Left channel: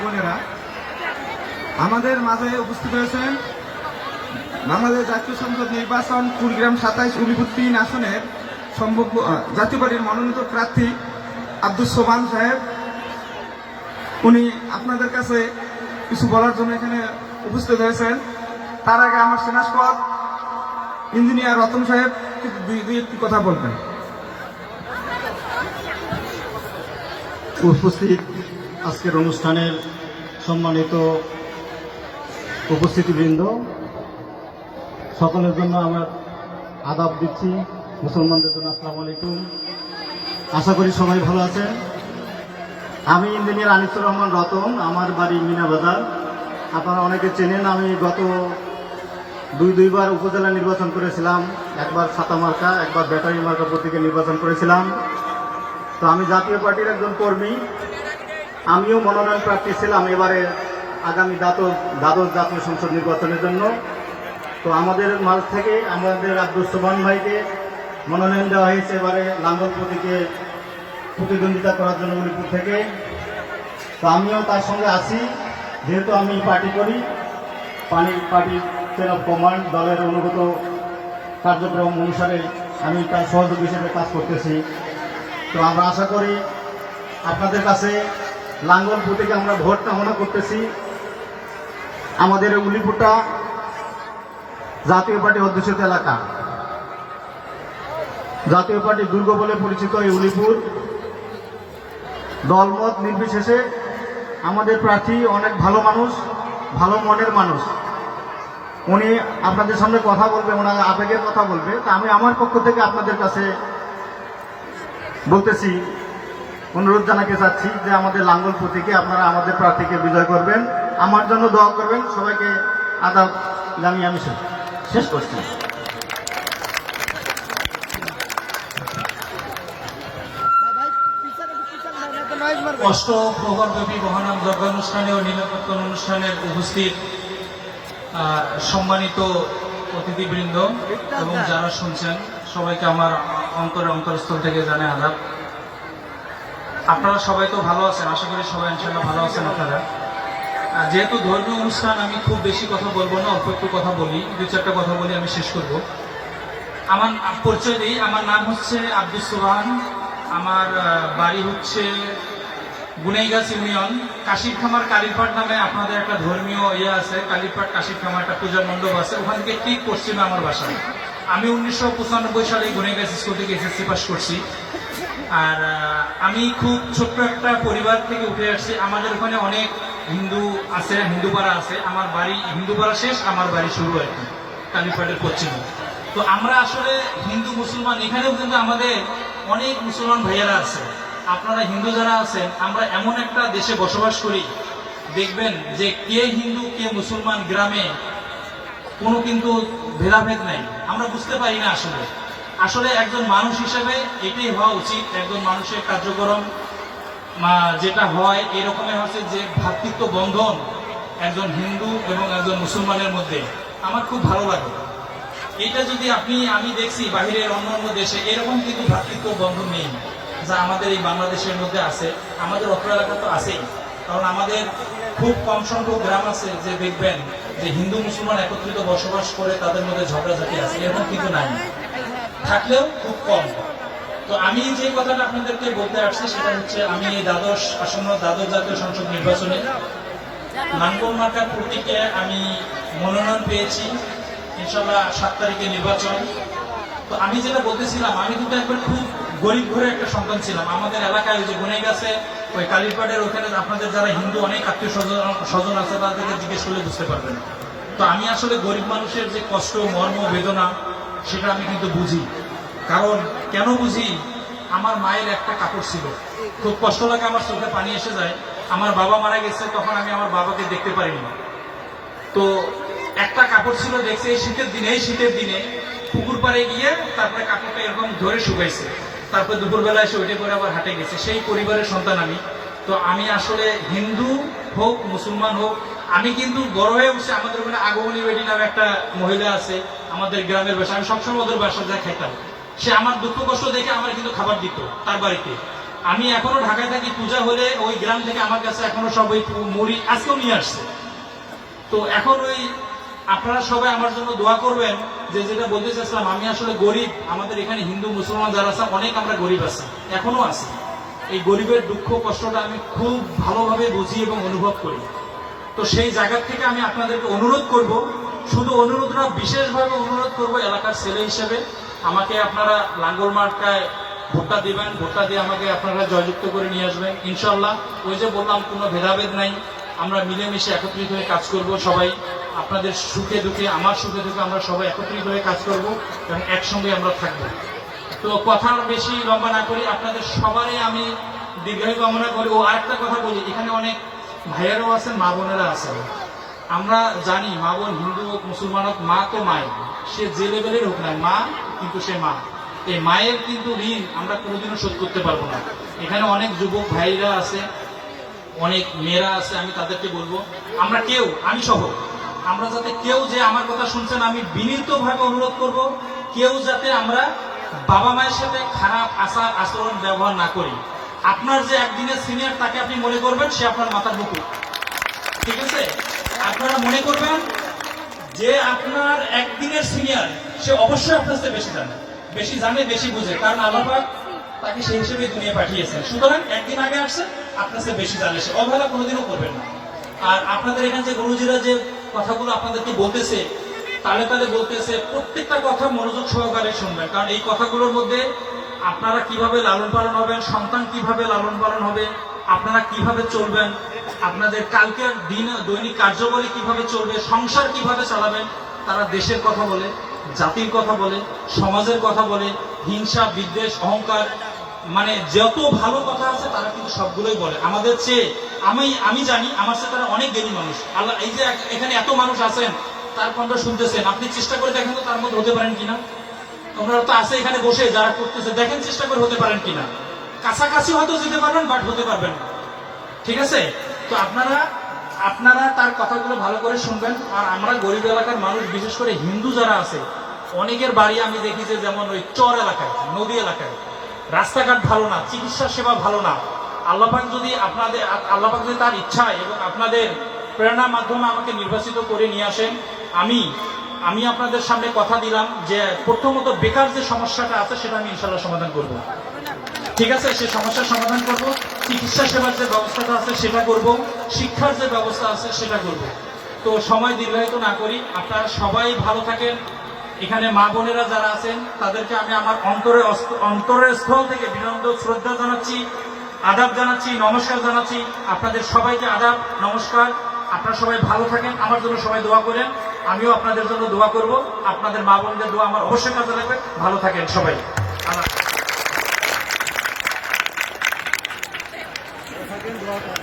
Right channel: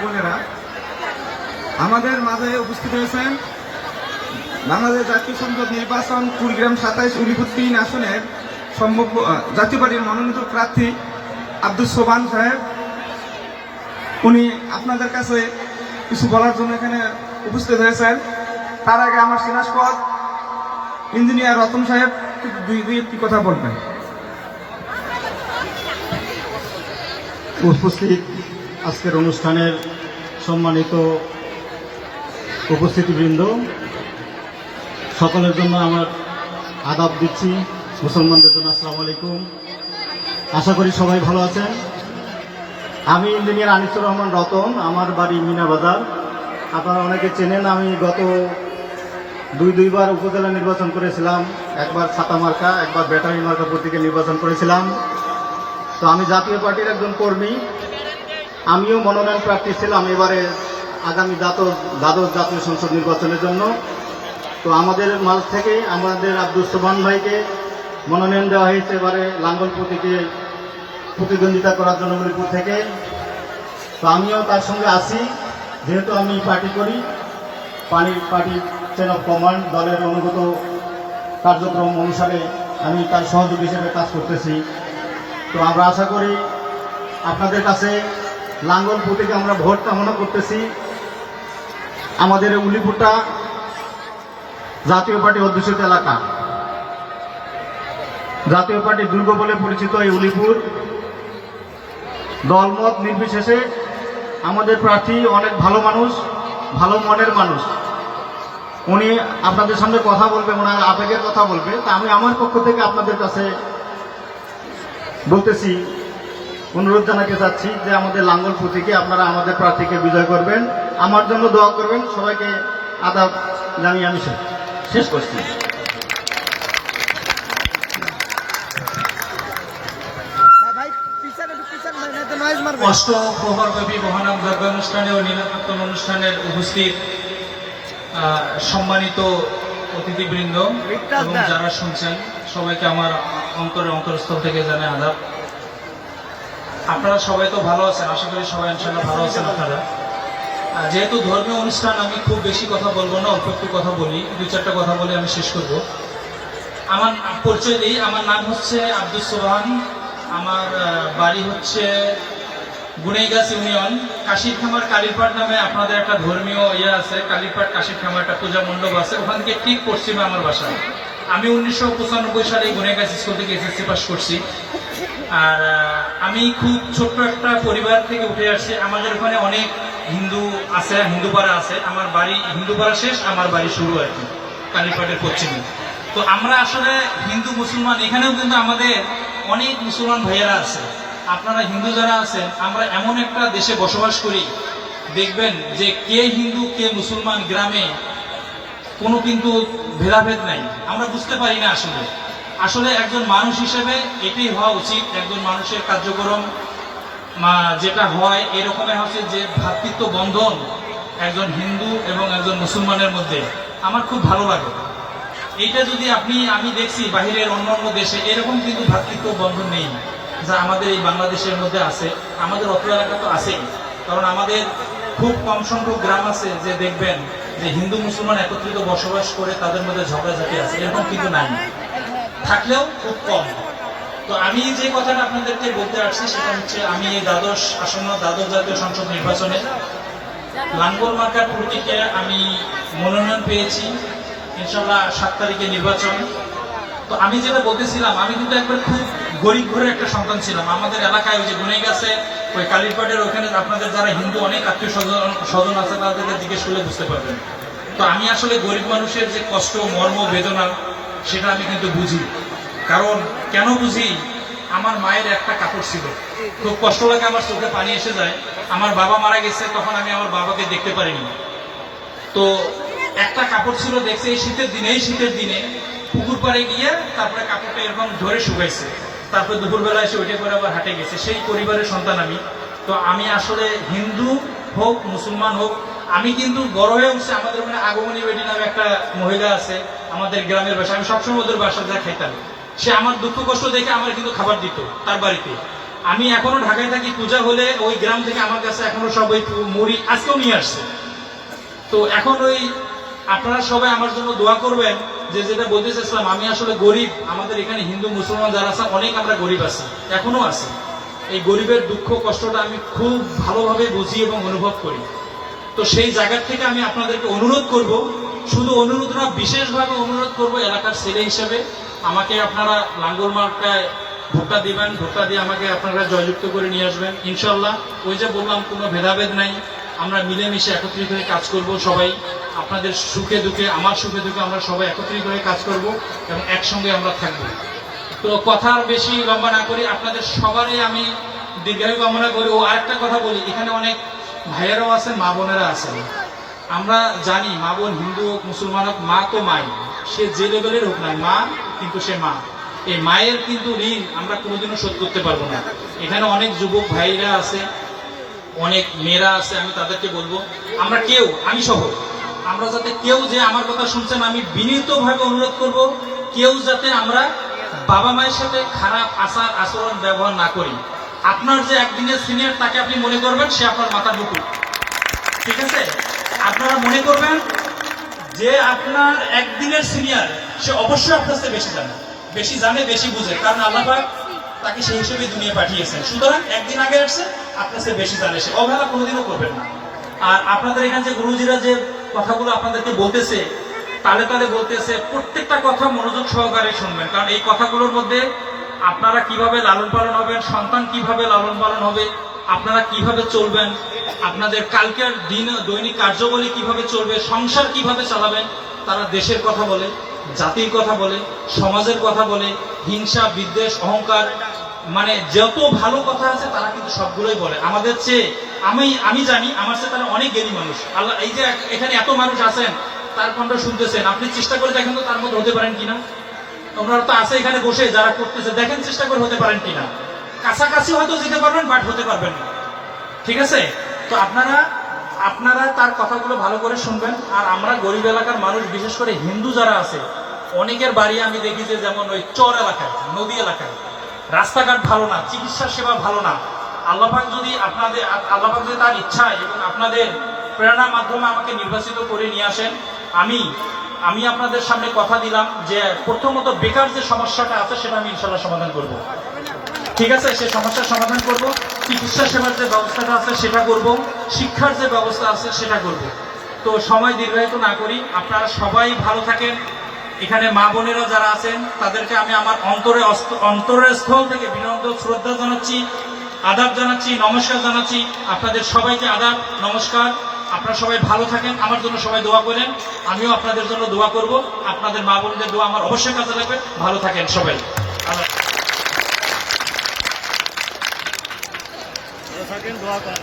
বোনেরা, আমাদের মাঝে উপস্থিত হয়েছেন বাংলাদেশ জাতীয় সংসদ নির্বাচন কুড়িগ্রাম সাতাইশ উলিপুর তিন আসনের সম্ভব জাতীয় পার্টির মনোনীত প্রার্থী আব্দুল সোবান সাহেব। উনি আপনাদের কাছে কিছু বলার জন্য এখানে উপস্থিত হয়েছেন। তার আগে আমার সেনাসপদ ইঞ্জিনিয়ার রতন সাহেব দুই দুই একটি কথা বলবেন। উপস্থিত আজকের অনুষ্ঠানের সম্মানিত উপস্থিতিবৃন্দ, সকলের জন্য আমার আদাব দিচ্ছি। মুসলমানদের জন্য আসসালামু আলাইকুম। আশা করি সবাই ভালো আছেন। আমি ইঞ্জিনিয়ার আনিসুর রহমান রতন, আমার বাড়ি মিনা বাজার। আপনারা অনেকে চেনেন, আমি গত দুই দুইবার উপজেলা নির্বাচন করেছিলাম। একবার ছাতা মার্কা, একবার ব্যাটারি মার্কা প্রতীকে নির্বাচন করেছিলাম। তো আমি জাতীয় পার্টির একজন কর্মী। আমিও মনোনয়ন প্রার্থী ছিলাম এবারে আগামী দ্বাদশ দ্বাদশ জাতীয় সংসদ নির্বাচনের জন্য। তো আমাদের মাঝ থেকে আমাদের আব্দুল সোবান ভাইকে মনোনয়ন দেওয়া হয়েছে এবারে লাঙ্গল প্রতীকে প্রতিদ্বন্দ্বিতা করার জন্য মণিপুর থেকে। তো আমিও তার সঙ্গে আসি যেহেতু আমি পার্টি করি, পানি পার্টি চেন অফ কমান্ড দলের অনুগত কার্যক্রম অনুসারে আমি তার সহযোগী হিসেবে কাজ করতেছি। তো আমরা আশা করি আপনাদের কাছে লাঙ্গল প্রতীকে আমরা ভোট কামনা করতেছি। আমাদের এই উলিপুরটা জাতীয় পার্টি অধ্যুষিত এলাকা। জাতীয় পার্টি দুর্গ বলে পরিচিত এই উলিপুর। দলমত নির্বিশেষে আমাদের প্রার্থী অনেক ভালো মানুষ, ভালো মনের মানুষ। উনি আপনাদের সামনে কথা বলবে, ওনার আবেগের কথা বলবে। তা আমি আমার পক্ষ থেকে আপনাদের কাছে বলতেছি অনুরোধ জানাতে চাচ্ছি যে আমাদের লাঙ্গল প্রতীকে আপনারা আমাদের প্রার্থীকে বিজয় করবেন। আমার জন্য দোয়া করবেন। সবাইকে আদাব জানিয়ে আমি শেষ- করছি। অষ্ট প্রহরব্যাপী মহানাম যজ্ঞ অনুষ্ঠানে ও নীলকীর্তন অনুষ্ঠানের উপস্থিত সম্মানিত অতিথিবৃন্দ এবং যারা শুনছেন, সবাইকে আমার অন্তরের অন্তরস্থল থেকে জানাই আদাব। আপনারা সবাই তো ভালো আছেন, আশা করি সবাই ইনশাল্লাহ ভালো আছেন আপনারা। যেহেতু ধর্মীয় অনুষ্ঠান, আমি খুব বেশি কথা বলব না, অল্প একটু কথা বলি, দু চারটা কথা বলে আমি শেষ করব। আমার পরিচয় দিই, আমার নাম হচ্ছে আব্দুল সোহান, আমার বাড়ি হচ্ছে গুনেইগাছ ইউনিয়ন কাশির খামার কালীরপাট নামে আপনাদের একটা ধর্মীয় ইয়ে আছে কালীরপাট কাশির খামার একটা পূজা মণ্ডপ আছে, ওখান থেকে ঠিক পশ্চিমে আমার বাসা। আমি উনিশশো পঁচানব্বই সালে গুনেগাছ স্কুল থেকে এসএসসি পাস করছি। আর আমি খুব ছোট্ট একটা পরিবার থেকে উঠে আসছি। আমাদের ওখানে অনেক হিন্দু আছে হিন্দু পাড়া আছে। আমার বাড়ি হিন্দু পাড়া শেষ, আমার বাড়ি শুরু আর কি কালীরপাটের পশ্চিমে। তো আমরা আসলে হিন্দু, মুসলমান, এখানেও কিন্তু আমাদের অনেক মুসলমান ভাইয়েরা আছে। আপনারা হিন্দু যারা আছেন, আমরা এমন একটা দেশে বসবাস করি। দেখবেন যে কে হিন্দু, কে মুসলমান গ্রামে কোনো কিন্তু ভেদাভেদ নাই। আমরা বুঝতে পারি না আসলে। আসলে একজন মানুষ হিসেবে এটাই হওয়া উচিত, একজন মানুষের কার্যক্রম যেটা হয়, এরকমই হচ্ছে যে ভ্রাতৃত্ব বন্ধন একজন হিন্দু এবং একজন মুসলমানের মধ্যে। আমার খুব ভালো লাগে। এটা যদি আপনি, আমি দেখছি বাহিরের অন্য অন্য দেশে, এরকম কিন্তু ভ্রাতৃত্ব বন্ধন নেই যা আমাদের এই বাংলাদেশের মধ্যে আছে। আমাদের অত্র এলাকা তো আছেই। কারণ আমাদের খুব কম সংখ্যক গ্রাম আছে যে দেখবেন যে হিন্দু মুসলমান একত্রিত বসবাস করে, তাদের মধ্যে ঝগড়াঝাটি আছে। এরকম কিন্তু নাই। থাকলেও খুব কম। তো আমি যে কথাটা আপনাদেরকে বলতে আসছি, সেটা হচ্ছে আমি এই দ্বাদশ আসন্ন দ্বাদশ জাতীয় সংসদ নির্বাচনে লাঙ্গল মার্কার প্রতীকে আমি মনোনয়ন পেয়েছি ইনশাল্লাহ সাত তারিখে নির্বাচন। তো আমি যেটা বলতেছিলাম, আমি কিন্তু একবার খুব গরিব ঘরে একটা সন্তান ছিলাম। আমাদের এলাকায় ওই যে গুনে গেছে ওই কালীরপাটের ওখানে আপনাদের যারা হিন্দু অনেক আত্মীয় স্বজন স্বজন আছে তাদেরকে জিজ্ঞেস করলে বুঝতে পারবেন। তো আমি আসলে গরিব মানুষের যে কষ্ট, মর্ম, বেদনা, সেটা আমি কিন্তু বুঝি। কারণ কেন বুঝি? আমার মায়ের একটা কাপড় ছিল। খুব কষ্ট লাগে আমার চোখে পানি এসে যায়। আমার বাবা মারা গেছে, তখন আমি আমার বাবাকে দেখতে পারিনি। তো একটা কাপড় ছিল দেখছে এই শীতের দিনে, এই শীতের দিনে পুকুর পাড়ে গিয়ে তারপরে কাপড়টা এরকম ধরে শুকাইছে। তারপর দুপুরবেলা এসে ওইটা করে আবার হাটে গেছে। সেই পরিবারের সন্তান আমি। তো আমি আসলে হিন্দু হোক, মুসলমান হোক, আমি কিন্তু বড় হয়ে উঠছি আমাদের ওখানে আগমনী বেটি নামে একটা মহিলা আছে, আমাদের গ্রামের বাসা। আমি সবসময় ওদের বাসা যা খাইতাম। সে আমার দুঃখ কষ্ট দেখে আমার কিন্তু খাবার দিত তার বাড়িতে। আমি এখনও ঢাকায় থাকি, পূজা হলে ওই গ্রাম থেকে আমার কাছে এখনও সব ওই মুড়ি আজকেও নিয়ে আসছে। তো এখন ওই আপনারা সবাই আমার জন্য দোয়া করবেন। যে যেটা বলতে চাইছিলাম আমি আসলে গরিব, আমাদের এখানে হিন্দু, মুসলমান যারা আছে, অনেক আমরা গরিব আছি, এখনও আছি। এই গরিবের দুঃখ, কষ্টটা আমি খুব ভালোভাবে বুঝি এবং অনুভব করি। তো সেই জায়গা থেকে আমি আপনাদেরকে অনুরোধ করব, শুধু অনুরোধ না, বিশেষভাবে অনুরোধ করব এলাকার ছেলে হিসেবে, আমাকে আপনারা লাঙ্গল মার্কায় ভোটটা দিবেন, ভোটটা দিয়ে আমাকে আপনারা জয়যুক্ত করে নিয়ে আসবেন। ইনশাল্লাহ ওই যে বললাম, কোনো ভেদাভেদ নাই। আমরা মিলেমিশে একত্রিত হয়ে কাজ করব সবাই। আপনাদের সুখে দুঃখে, আমার সুখে দুঃখে আমরা সবাই একত্রিত হয়ে কাজ করব এবং একসঙ্গে আমরা থাকব। তো কথা বেশি লম্বা না করি আপনাদের সবারই আমি দীর্ঘায়ু কামনা করি। ও আরেকটা কথা বলি, এখানে অনেক ভাইয়েরাও আছেন, মা বোনেরা আছেন। আমরা জানি মা বোন হিন্দু হোক, মুসলমান হোক, মা তো মাই। সে যে লেভেলের হোক না, মা কিন্তু সে মা। এই মায়ের কিন্তু ঋণ আমরা কোনোদিনও শোধ করতে পারব না। এখানে অনেক যুবক ভাইরা আছে অনেক মেয়েরা আছে, আমি তাদেরকে বলব, আমরা কেউ, আমি সহ, আমরা যাতে কেউ যে আমার কথা শুনছেন, আমি বিনীতভাবে অনুরোধ করব, কেউ যাতে আমরা বাবা মায়ের সাথে খারাপ আচার আচরণ ব্যবহার না করি। আপনার যে একদিনের সিনিয়র তাকে আপনি মনে করবেন, সে আপনার মাথার মুকুট। ঠিক আছে? আপনারা মনে করবেন যে আপনার একদিনের সিনিয়র সে অবশ্যই আপনার চেয়ে বেশি জানে। বেশি জানে, বেশি বুঝে। কারণ আল্লাহ তাকে সেই হিসেবে দুনিয়া পাঠিয়েছেন। সুতরাং একদিন আগে আসছে আপনার বেশি জানে সে। অবহেলা কোনোদিনও করবেন না। আর আপনাদের এখানে যে গুরুজিরা যে কথাগুলো আপনাদেরকে বলতেছে, তালে তালে বলতেছে, প্রত্যেকটা কথা মনোযোগ সহকারে শুনবেন। কারণ এই কথাগুলোর মধ্যে আপনারা কীভাবে লালন পালন হবেন, সন্তান কীভাবে লালন পালন হবে, আপনারা কীভাবে চলবেন, আপনাদের কালকের দিন দৈনিক কার্যবলী কীভাবে চলবে, সংসার কীভাবে চালাবেন, তারা দেশের কথা বলে, জাতির কথা বলে, সমাজের কথা বলে, হিংসা, বিদ্বেষ, অহংকার মানে যত ভালো কথা আছে তারা কিন্তু সবগুলোই বলে। আমাদের চেয়ে আমি আমি জানি, আমার চেয়ে তারা অনেক জ্ঞানী মানুষ। আল্লাহ, এই যে এখানে এত মানুষ আছেন, তার কণ্ঠ শুনতেছেন। আপনি চেষ্টা করে দেখেন তো তার মধ্যে হতে পারেন কিনা। তোমরা তো আছে এখানে বসে, যারা করতেছে, দেখেন চেষ্টা করে হতে পারেন কিনা। কাছাকাছি হয়তো যেতে পারবেন, বাট হতে পারবেন ঠিক আছে? তো আপনারা আপনারা তার কথাগুলো ভালো করে শুনবেন। আর আমরা গরিব এলাকার মানুষ, বিশেষ করে হিন্দু যারা আছে, অনেকের বাড়ি আমি দেখি যে যেমন ওই চর এলাকায়, নদী এলাকায়। রাস্তাঘাট ভালো না, চিকিৎসা সেবা ভালো না। আল্লাপাক যদি আপনাদের, আল্লাপাক যদি তার ইচ্ছা এবং আপনাদের প্রেরণার মাধ্যমে আমাকে নির্বাচিত করে নিয়ে আসেন, আমি আমি আপনাদের সামনে কথা দিলাম যে প্রথমত বেকার যে সমস্যাটা আছে সেটা আমি ইনশাল্লাহ সমাধান করব। ঠিক আছে? সে সমস্যার সমাধান করব, চিকিৎসা সেবার যে ব্যবস্থাটা আছে সেটা করব, শিক্ষার যে ব্যবস্থা আছে সেটা করব। তো সময় দীর্ঘায়িত না করি, আপনারা সবাই ভালো থাকেন এখানে মা বোনেরা যারা আছেন, তাদেরকে আমি আমার অন্তরে অন্তরের স্থল থেকে বিনম্র শ্রদ্ধা জানাচ্ছি, আদাব জানাচ্ছি, নমস্কার জানাচ্ছি। আপনাদের সবাইকে আদাব, নমস্কার। আপনারা সবাই ভালো থাকেন, আমার জন্য সবাই দোয়া করেন। আমিও আপনাদের জন্য দোয়া করব। আপনাদের মা বোনদের দোয়া আমার অবশ্যই কাজে লাগবে। ভালো থাকেন সবাই। দোয়া করেন।